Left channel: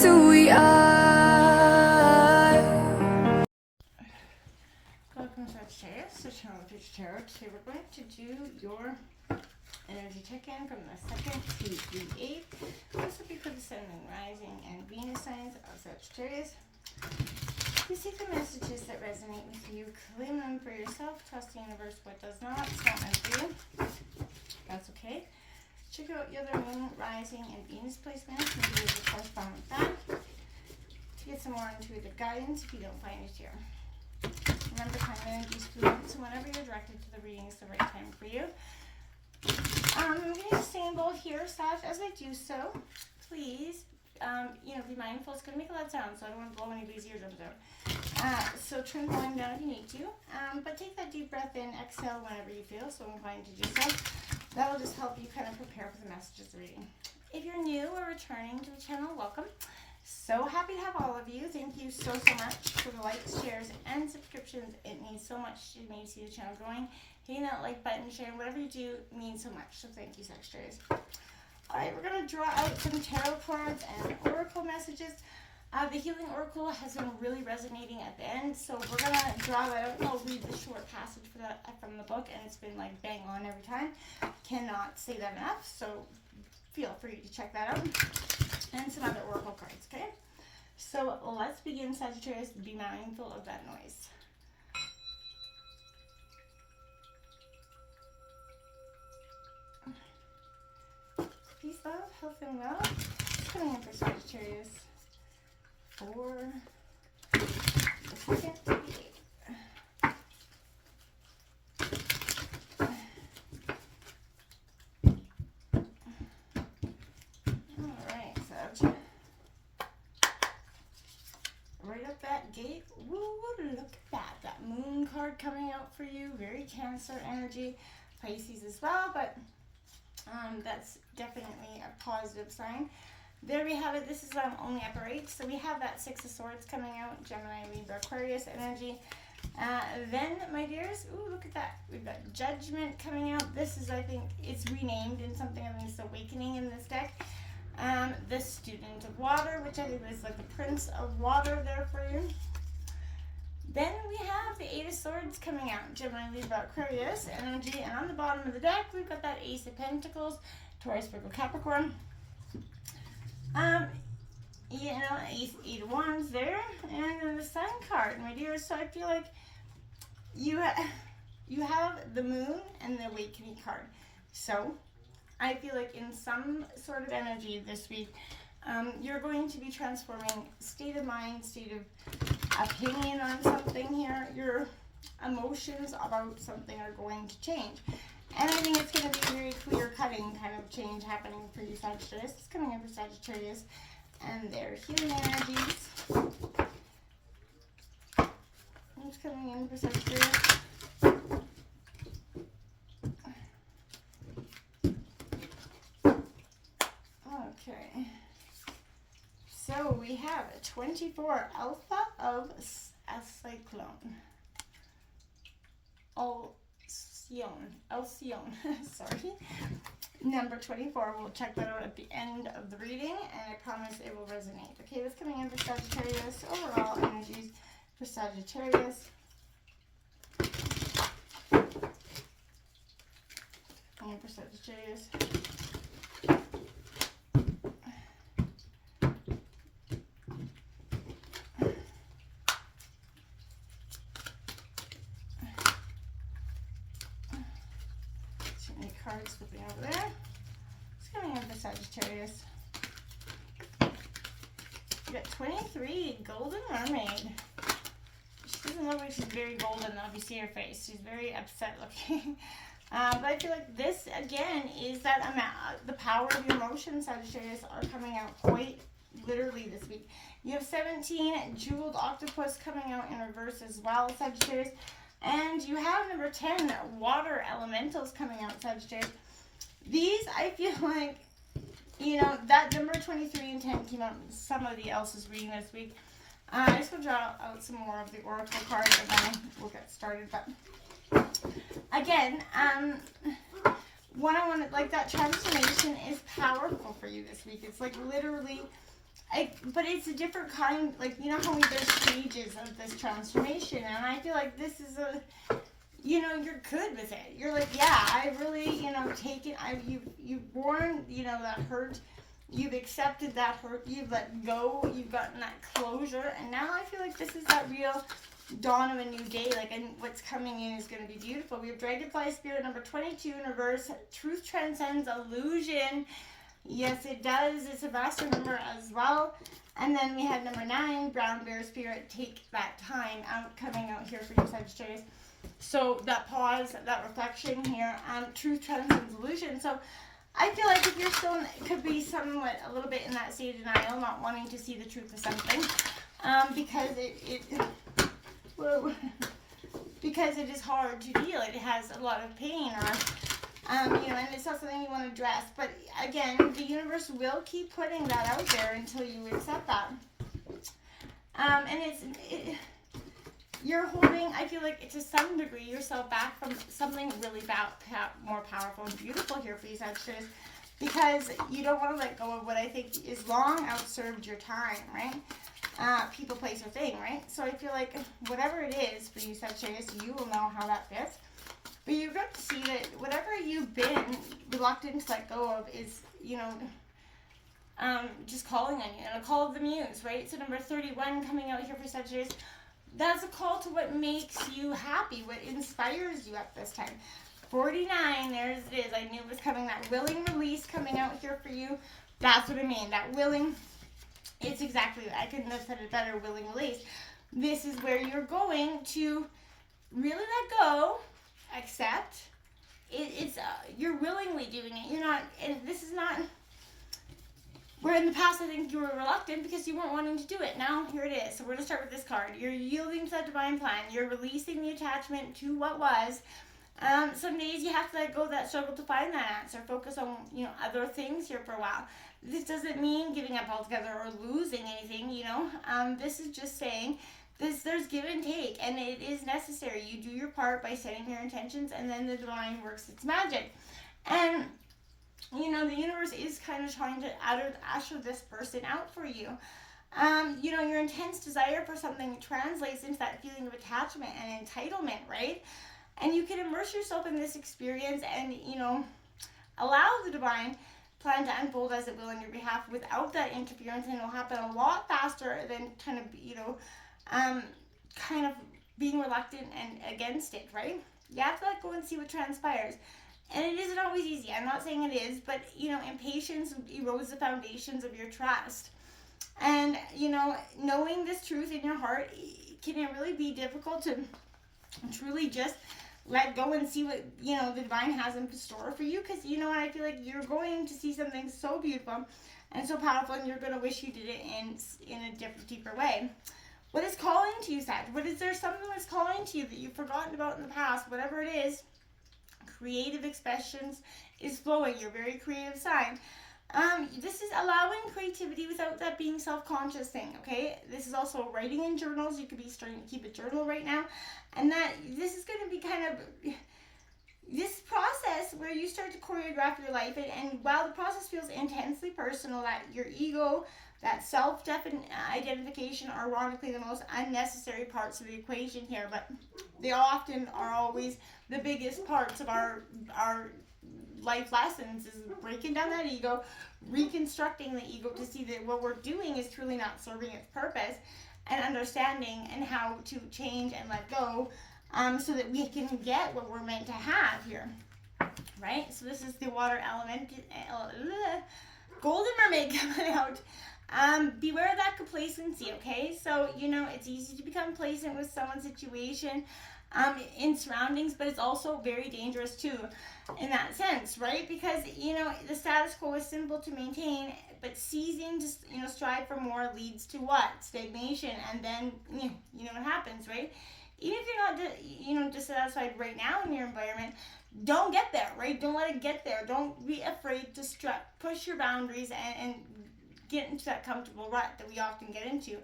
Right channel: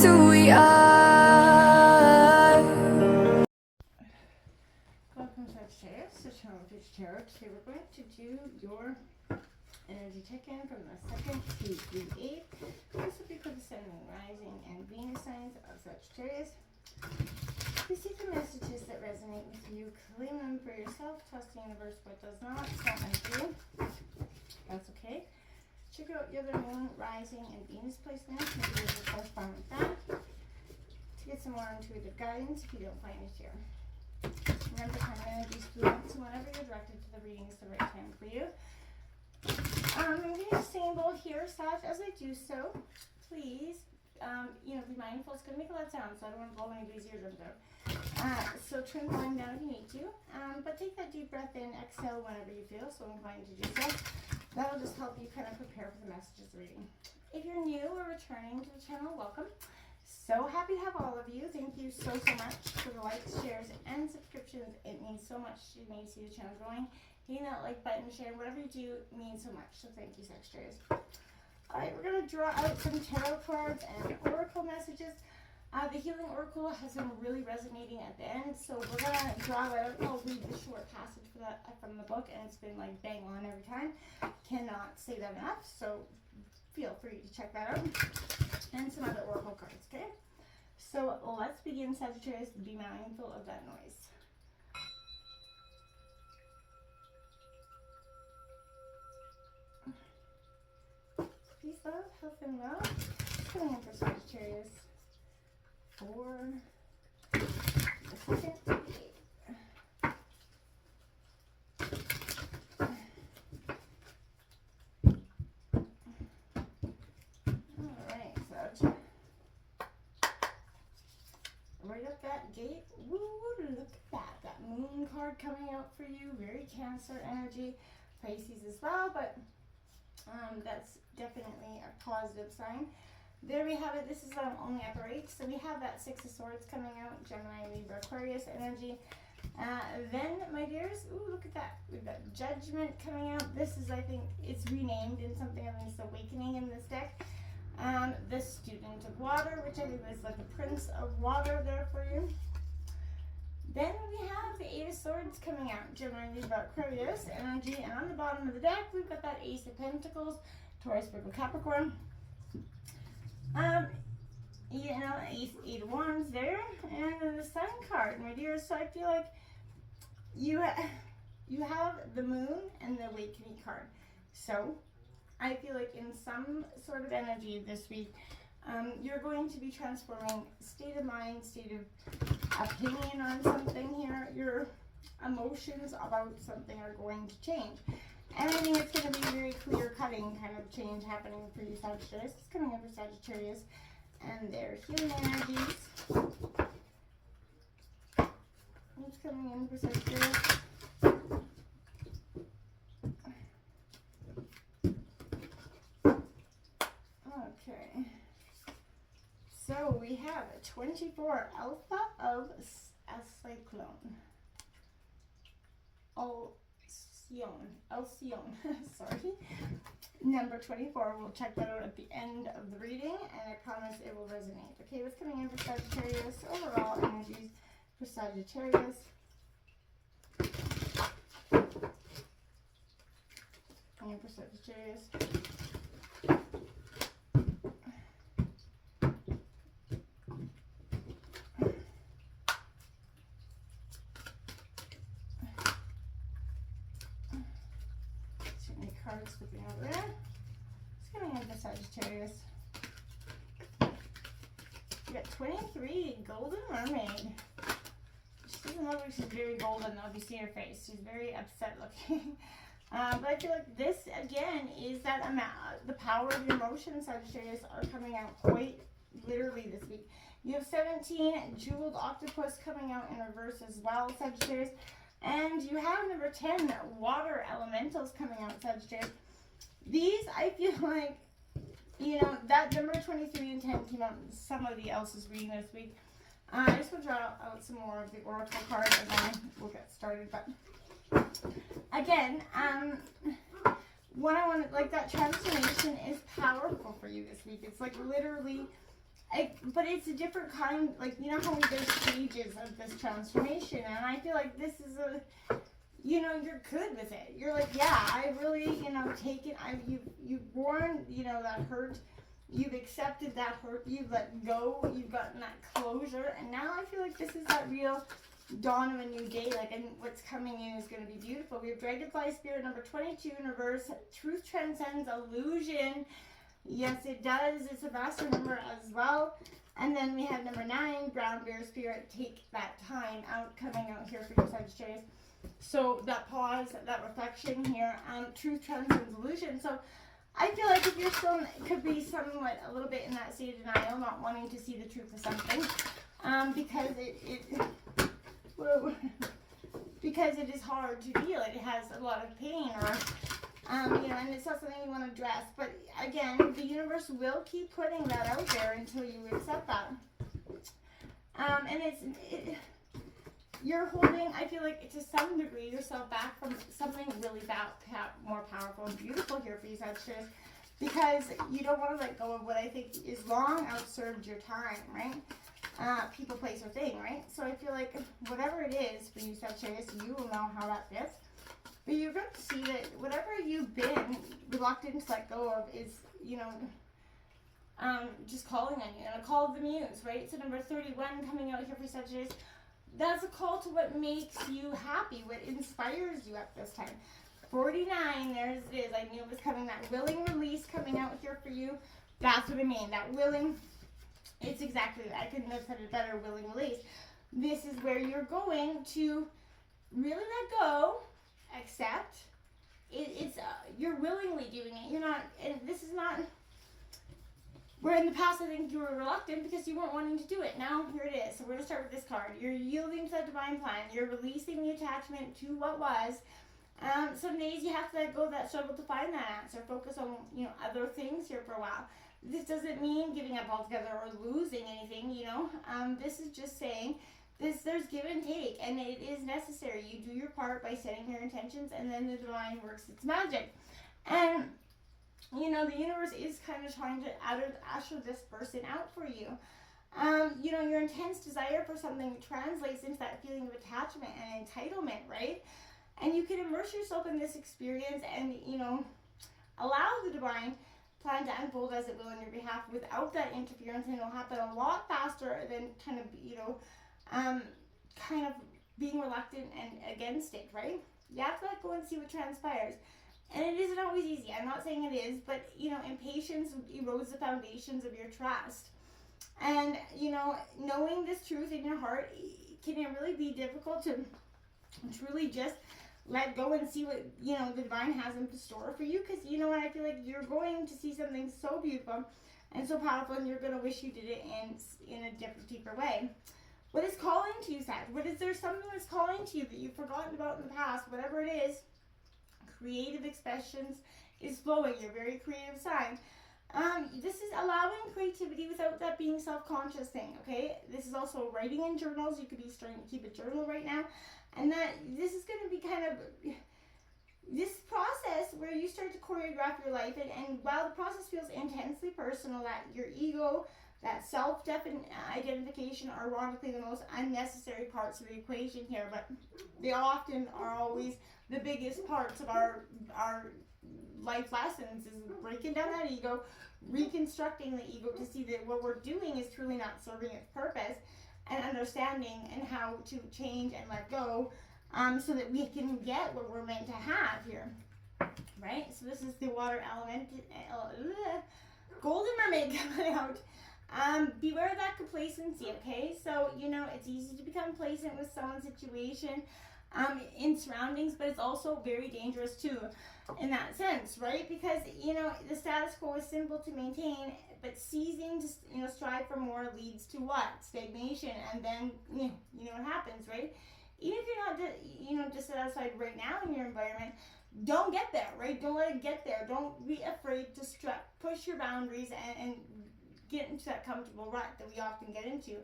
just who we are. Welcome to Sagittarius, the channel of Future Tarot. Today we're going to do your energy check-in from the 2nd to the 8th. This will be for the Sun, Rising, and Venus signs of Sagittarius. You see the messages that resonate with you, claim them for yourself, trust the universe. What does not, it's not meant for you. That's okay. Check out your other Moon, Rising, and Venus placements and do the correspond with that to get some more intuitive guidance if you don't find it here. Remember, kind of energies fluid, so whenever you're directed to the reading, it's the right time for you. I'm going to sing a bowl here, Sag. As I do so, please, be mindful. It's going to make a lot of sound, so I don't want to blow anybody's eardrums out. So trim volume down if you need to. But take that deep breath in, exhale whenever you feel, so I'm inclined to do so. That'll just help you kind of prepare for the messages of the reading. If you're new or returning to the channel, welcome. So happy to have all of you. Thank you so much for the likes, shares, and subscriptions. It means so much to me to see the channel growing. Hitting that like button, sharing, whatever you do means so much. So thank you, Sagittarius. Alright, we're going to draw out some tarot cards and oracle messages. The Healing Oracle has been really resonating at the end, so we're going to draw that out. I'll read the short passage for that from the book, and it's been like bang on every time. Cannot say that enough, so feel free to check that out. And some other oracle cards, okay? So let's begin, Sagittarius. Be mindful of that noise. Peace, love, health, and wealth. Coming in for Sagittarius for the 2nd to the 8th. Alright, Sag. Right up that gate. Woo, look at that. That moon card coming out for you. Very Cancer energy. Pisces as well, but that's definitely a positive sign. There we have it. This is only upper 8. So we have that 6 of Swords coming out. Gemini, Libra, Aquarius energy. Then, my dears, ooh, look at that. We've got Judgment coming out. This is, I think, it's renamed in something of this Awakening in this deck. The Student of Water, which I think is like the Prince of Water there for you. Then we have the 8 of Swords coming out. Gemini, Libra, Aquarius energy. And on the bottom of the deck, we've got that Ace of Pentacles. Taurus, Virgo, Capricorn. Eight of Wands there. And then the Sun card, my dears. So I feel like you have the Moon and the Awakening card. So I feel like in some sort of energy this week, you're going to be transforming state of mind, state of opinion on something here. Your emotions about something are going to change. And I think it's going to be very clear-cutting kind of change happening for you, Sagittarius. It's coming in for Sagittarius and their healing energies. It's coming in for Sagittarius. Okay. So we have a 24 Alpha of a Cyclone. Alcyone, sorry. Number 24, we'll check that out at the end of the reading, and I promise it will resonate. Okay, that's coming in for Sagittarius. Overall energies for Sagittarius. Coming in for Sagittarius. Cards flipping over there. It's coming in for Sagittarius. We got 23, Golden Mermaid. She doesn't look like she's very golden though if you see her face. She's very upset looking. But I feel like this, again, is that the power of your emotions, Sagittarius, are coming out quite literally this week. You have 17, Jeweled Octopus coming out in reverse as well, Sagittarius. And you have number 10, Water Elementals coming out, Sagittarius. These, I feel like, that number 23 and 10 came out in somebody else's reading this week. I just will draw out some more of the oracle cards and then we'll get started. But again, that transformation is powerful for you this week. It's like literally but it's a different kind, like, you know how there's stages of this transformation, and I feel like this is you're good with it. You're like, yeah, I really, taken, you've borne, that hurt. You've accepted that hurt. You've let go. You've gotten that closure. And now I feel like this is that real dawn of a new day. Like, and what's coming in is going to be beautiful. We have Dragonfly Spirit number 22 in reverse. Truth transcends illusion. Yes, it does. It's a master number as well. And then we have number 9, Brown Bear Spirit. Take that time out, coming out here for you, Sagittarius. So that pause, that reflection here, truth transcends illusion. So I feel like if you're still, it could be somewhat a little bit in that state of denial, not wanting to see the truth of something, because because it is hard to deal. It has a lot of pain, or and it's not something you want to address. But again, the universe will keep putting that out there until you accept that. And you're holding, I feel like, to some degree, yourself back from something really more powerful and beautiful here for you, Sagittarius, because you don't want to let go of what I think is long outserved your time, right? People, place, or thing, right? So I feel like whatever it is for you, Sagittarius, you will know how that fits. But you're going to see that whatever you've been reluctant to let go of is, just calling on you. And a call of the muse, right? So number 31 coming out here for Sagittarius. That's a call to what makes you happy, what inspires you at this time. 49, there it is. I knew it was coming. That willing release coming out here for you. That's what I mean. That willing, it's exactly, I couldn't have said it better, willing release. This is where you're going to really let go, accept. You're willingly doing it. You're not, and this is not, where in the past I think you were reluctant because you weren't wanting to do it. Now here it is. So we're going to start with this card. You're yielding to that divine plan. You're releasing the attachment to what was. Some days you have to let go of that struggle to find that answer. Focus on other things here for a while. This doesn't mean giving up altogether or losing anything. This is just saying there's give and take, and it is necessary. You do your part by setting your intentions, and then the divine works its magic. And the universe is kind of trying to usher this person out for you. Your intense desire for something translates into that feeling of attachment and entitlement, right? And you can immerse yourself in this experience and, allow the divine plan to unfold as it will on your behalf without that interference, and it'll happen a lot faster than kind of being reluctant and against it, right? You have to let go and see what transpires. And it isn't always easy. I'm not saying it is, but, impatience erodes the foundations of your trust. And, knowing this truth in your heart, can it really be difficult to truly just let go and see what, the divine has in store for you? Because, I feel like you're going to see something so beautiful and so powerful, and you're going to wish you did it in a different, deeper way. What is calling to you, Sag? Is there something that's calling to you that you've forgotten about in the past? Whatever it is, creative expressions is flowing. You're a very creative sign. This is allowing creativity without that being self-conscious thing, okay? This is also writing in journals. You could be starting to keep a journal right now. And that this is going to be kind of this process where you start to choreograph your life. And while the process feels intensely personal, that your ego, that self-identification are ironically the most unnecessary parts of the equation here. But they often are always the biggest parts of our life lessons, is breaking down that ego, reconstructing the ego to see that what we're doing is truly not serving its purpose, and understanding and how to change and let go, so that we can get what we're meant to have here, right? So this is the water element, golden mermaid coming out. Beware of that complacency, okay? So, it's easy to become complacent with someone's situation, in surroundings, but it's also very dangerous too in that sense, right? Because, the status quo is simple to maintain, but ceasing to, strive for more leads to what? Stagnation. And then, what happens, right? Even if you're not, dissatisfied right now in your environment, don't get there, right? Don't let it get there. Don't be afraid to push your boundaries and get into that comfortable rut that we often get into.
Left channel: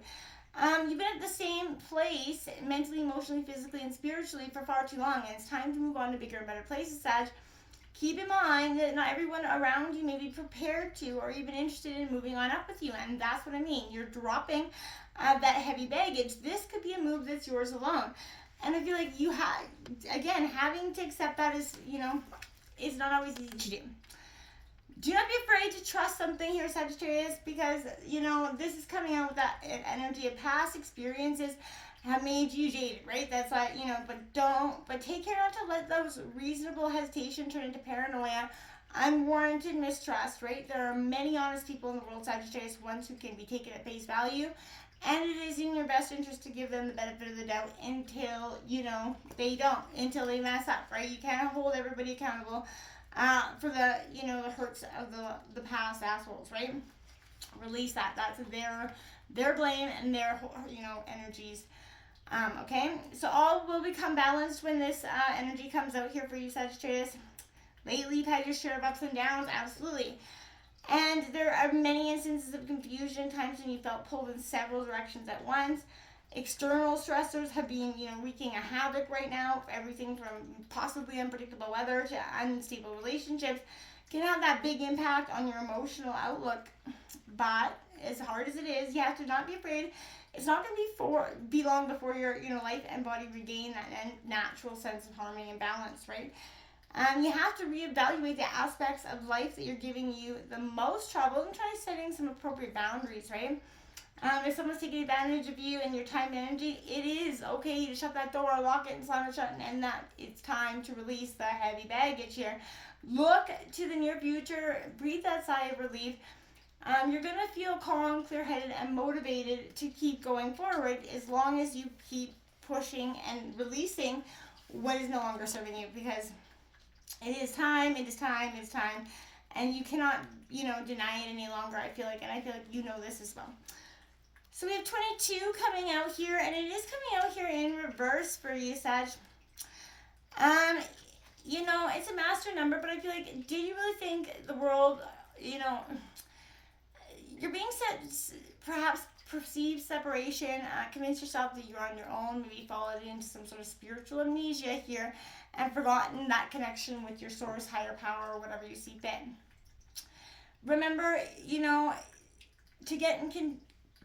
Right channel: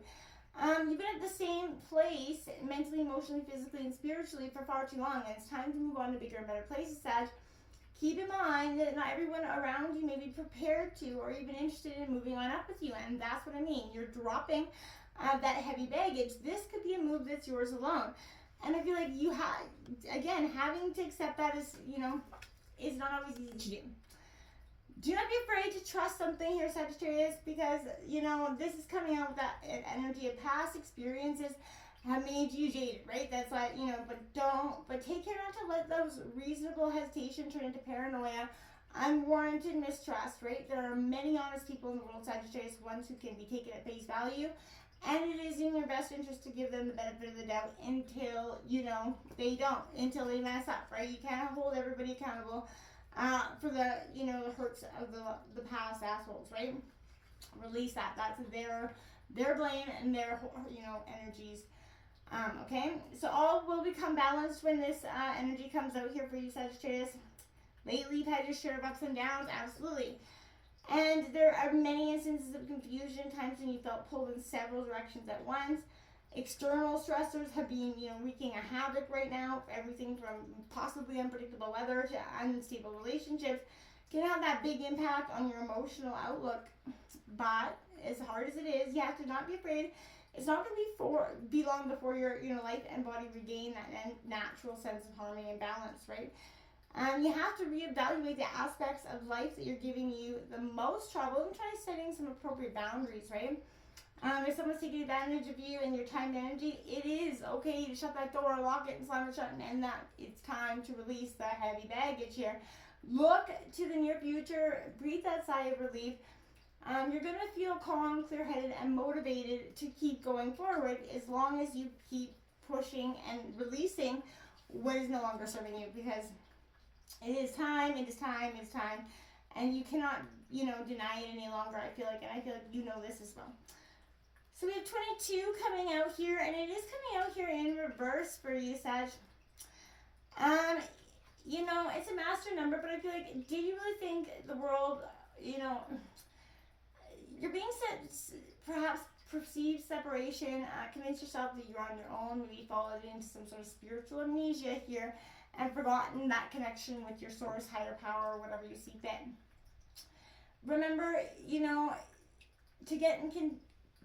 You've been at the same place mentally, emotionally, physically, and spiritually for far too long, and it's time to move on to bigger and better places, Sag. keep in mind that not everyone around you may be prepared to or even interested in moving on up with you. And that's what I mean. You're dropping that heavy baggage. This could be a move that's yours alone. And I feel like you have, again, having to accept that is, is not always easy to do. Do not be afraid to trust something here, Sagittarius, because, this is coming out with that energy of past experiences have made you jaded, right? That's like, but take care not to let those reasonable hesitation turn into paranoia, unwarranted mistrust, right? There are many honest people in the world, Sagittarius, ones who can be taken at face value, and it is in your best interest to give them the benefit of the doubt until, until they mess up, right? You can't hold everybody accountable for the, the hurts of the past assholes, right? Release that. That's their blame and their, energies. Okay, so all will become balanced when this energy comes out here for you, Sagittarius. Lately, you've had your share of ups and downs, absolutely. And there are many instances of confusion, times when you felt pulled in several directions at once. External stressors have been, wreaking a havoc right now. Everything from possibly unpredictable weather to unstable relationships can have that big impact on your emotional outlook. But as hard as it is, you have to not be afraid. It's not going to be long before your life and body regain that natural sense of harmony and balance, right? You have to reevaluate the aspects of life that you're giving you the most trouble and try setting some appropriate boundaries, right? If someone's taking advantage of you and your time and energy, it is okay to shut that door, lock it, and slam it shut, and that it's time to release the heavy baggage here. Look to the near future, breathe that sigh of relief. You're going to feel calm, clear-headed, and motivated to keep going forward as long as you keep pushing and releasing what is no longer serving you, because it is time, and you cannot, deny it any longer, I feel like, and I feel like this as well. So we have 22 coming out here, and it is coming out here in reverse for you, Sag. It's a master number, but I feel like, did you really think the world, you're being set, perhaps perceived separation, convince yourself that you're on your own, maybe fallen into some sort of spiritual amnesia here, and forgotten that connection with your source, higher power, or whatever you see fit. Remember,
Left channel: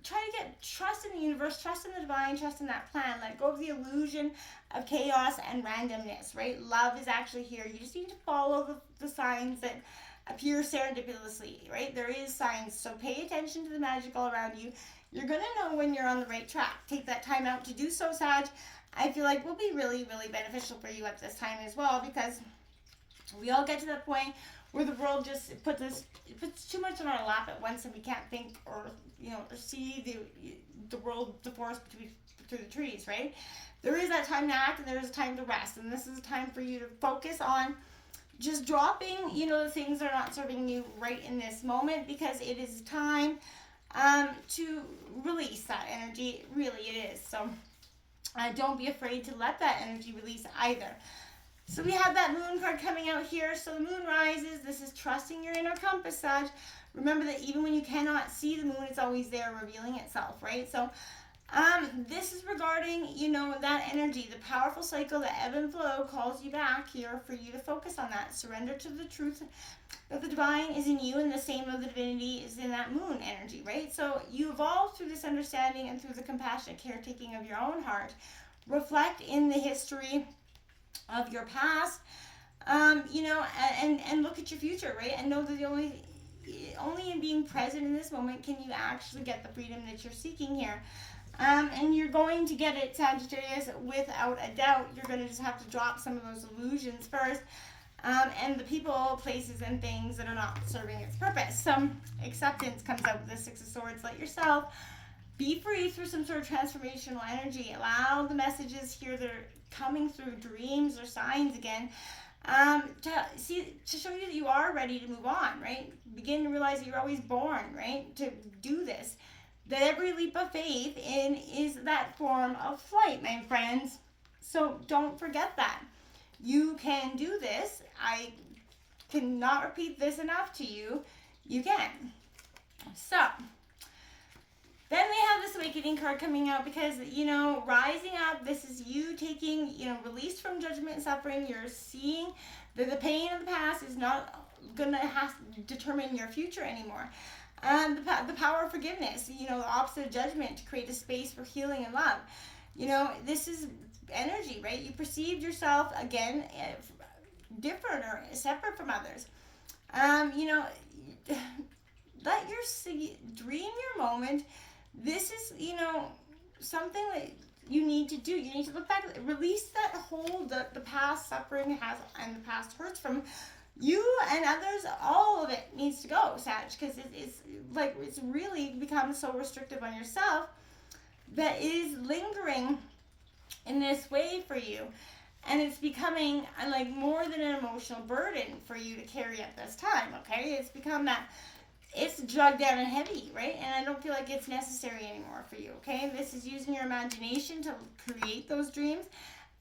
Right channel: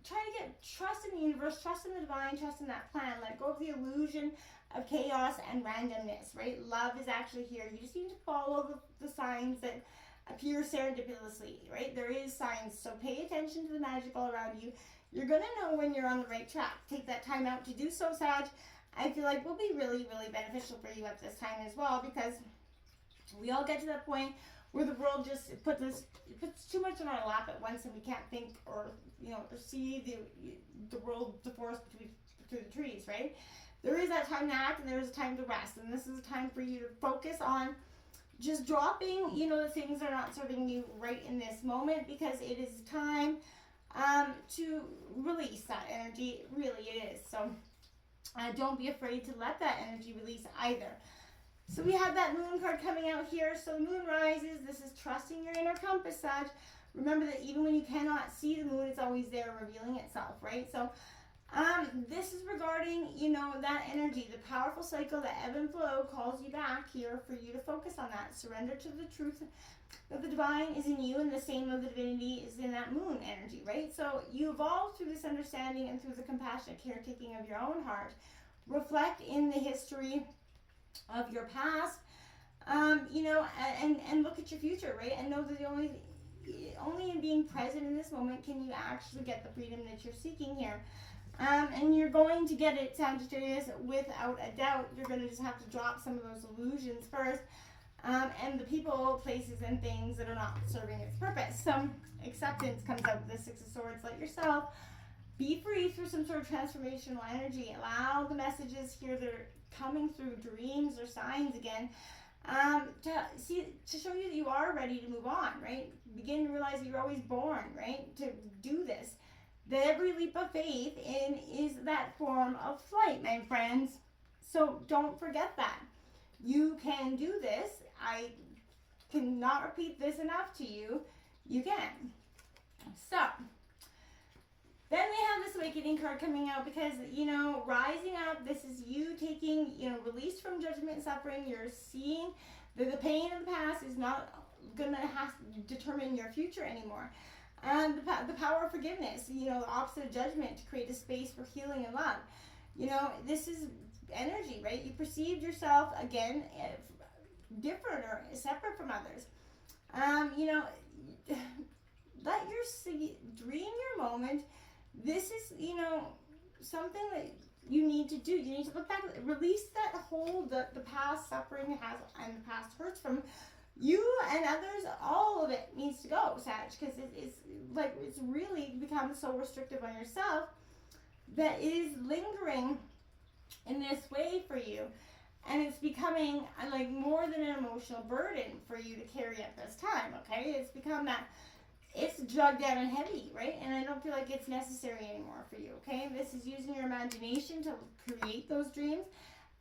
try to get trust in the universe, trust in the divine, trust in that plan. Let go of the illusion of chaos and randomness, right? Love is actually here. You just need to follow the signs that appear serendipitously, right? There is signs, so pay attention to the magic all around you. You're going to know when you're on the right track. Take that time out to do so, Sag. I feel like will be really, really beneficial for you at this time as well, because we all get to that point where the world just puts too much on our lap at once, and we can't think or see the world, the forest through the trees, right? There is that time to act, and there is a time to rest, and this is a time for you to focus on just dropping, the things that are not serving you right in this moment, because it is time to release that energy. Really, it is. So don't be afraid to let that energy release either. So we have that moon card coming out here. So the moon rises. This is trusting your inner compass, Sag. Remember that even when you cannot see the moon, it's always there revealing itself, right? So this is regarding, that energy, the powerful cycle, the ebb and flow calls you back here for you to focus on that. Surrender to the truth that the divine is in you, and the same of the divinity is in that moon energy, right? So you evolve through this understanding and through the compassionate caretaking of your own heart. Reflect in the history of your past, and look at your future, right? And know that the only in being present in this moment can you actually get the freedom that you're seeking here. And you're going to get it, Sagittarius, without a doubt. You're going to just have to drop some of those illusions first, and the people, places, and things that are not serving its purpose. Some acceptance comes out with the Six of Swords. Let yourself be free through some sort of transformational energy. Allow the messages here that are coming through dreams or signs again to show you that you are ready to move on, right? Begin to realize that you're always born, right, to do this. That every leap of faith is that form of flight, my friends. So don't forget that. You can do this. I cannot repeat this enough to you. You can. So then we have this awakening card coming out because, rising up, this is you taking, release from judgment and suffering. You're seeing The pain of the past is not gonna have to determine your future anymore. The power of forgiveness, you know, the opposite of judgment, to create a space for healing and love. You know, this is energy, right? You perceived yourself again different or separate from others. You know, let your dream your moment. This is, you know, something that you need to do. You need to look back, release that hold that the past suffering has and the past hurts from you and others. All of it needs to go, Sag, because it's like it's really become so restrictive on yourself that it is lingering in this way for you, and it's becoming like more than an emotional burden for you to carry at this time. Okay, it's become that it's drugged down and heavy, right? And I don't feel like it's necessary anymore for you. Okay, this is using your imagination to create those dreams,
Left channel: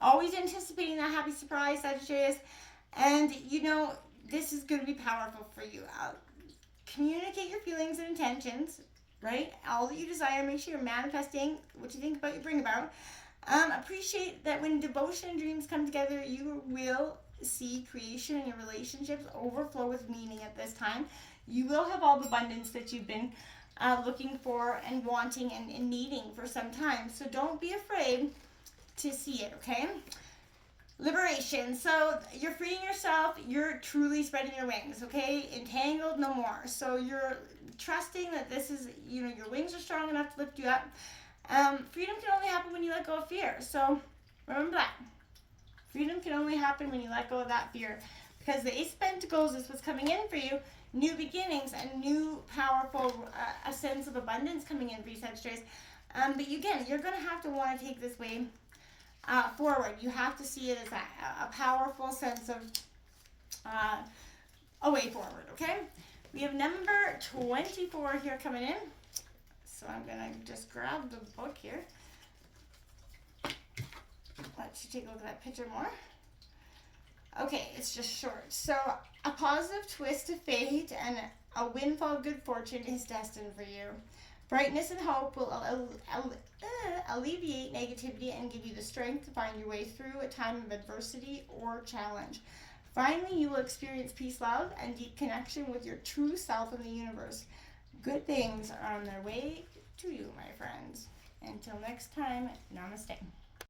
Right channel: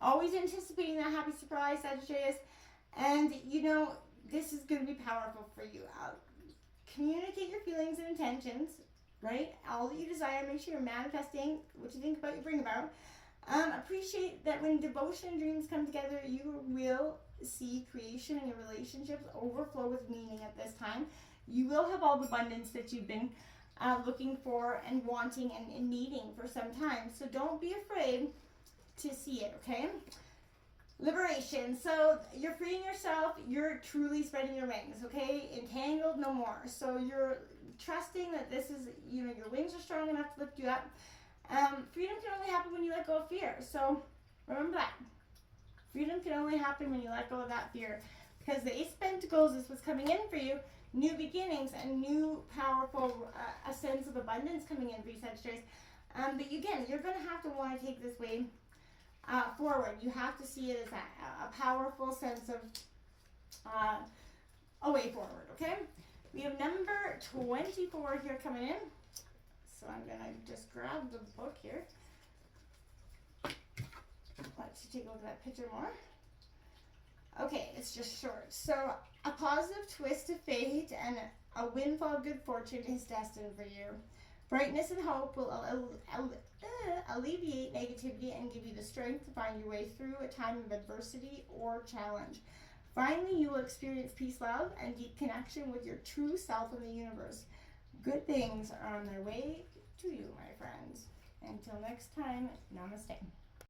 always anticipating that happy surprise, Sagittarius. And you know, this is going to be powerful for you. Communicate your feelings and intentions, right? All that you desire, make sure you're manifesting what you think about, you bring about. Appreciate that when devotion and dreams come together, you will see creation in your relationships overflow with meaning at this time. You will have all the abundance that you've been looking for and wanting and needing for some time. So don't be afraid to see it, okay? Liberation. So you're freeing yourself. You're truly spreading your wings, okay? Entangled, no more. So you're trusting that this is, you know, your wings are strong enough to lift you up. Freedom can only happen when you let go of fear. So remember that. Freedom can only happen when you let go of that fear. Because the Ace of Pentacles is what's coming in for you. New beginnings and new powerful, a sense of abundance coming in for you, Sagittarius. But again, you're going to have to want to take this way forward. You have to see it as a powerful sense of a way forward, okay? We have number 24 here coming in. So I'm going to just grab the book here. Let you take a look at that picture more. Okay, it's just short. So a positive twist of fate and a windfall of good fortune is destined for you. Brightness and hope will alleviate negativity and give you the strength to find your way through a time of adversity or challenge. Finally, you will experience peace, love, and deep connection with your true self in the universe. Good things are on their way to you, my friends. Until next time, namaste.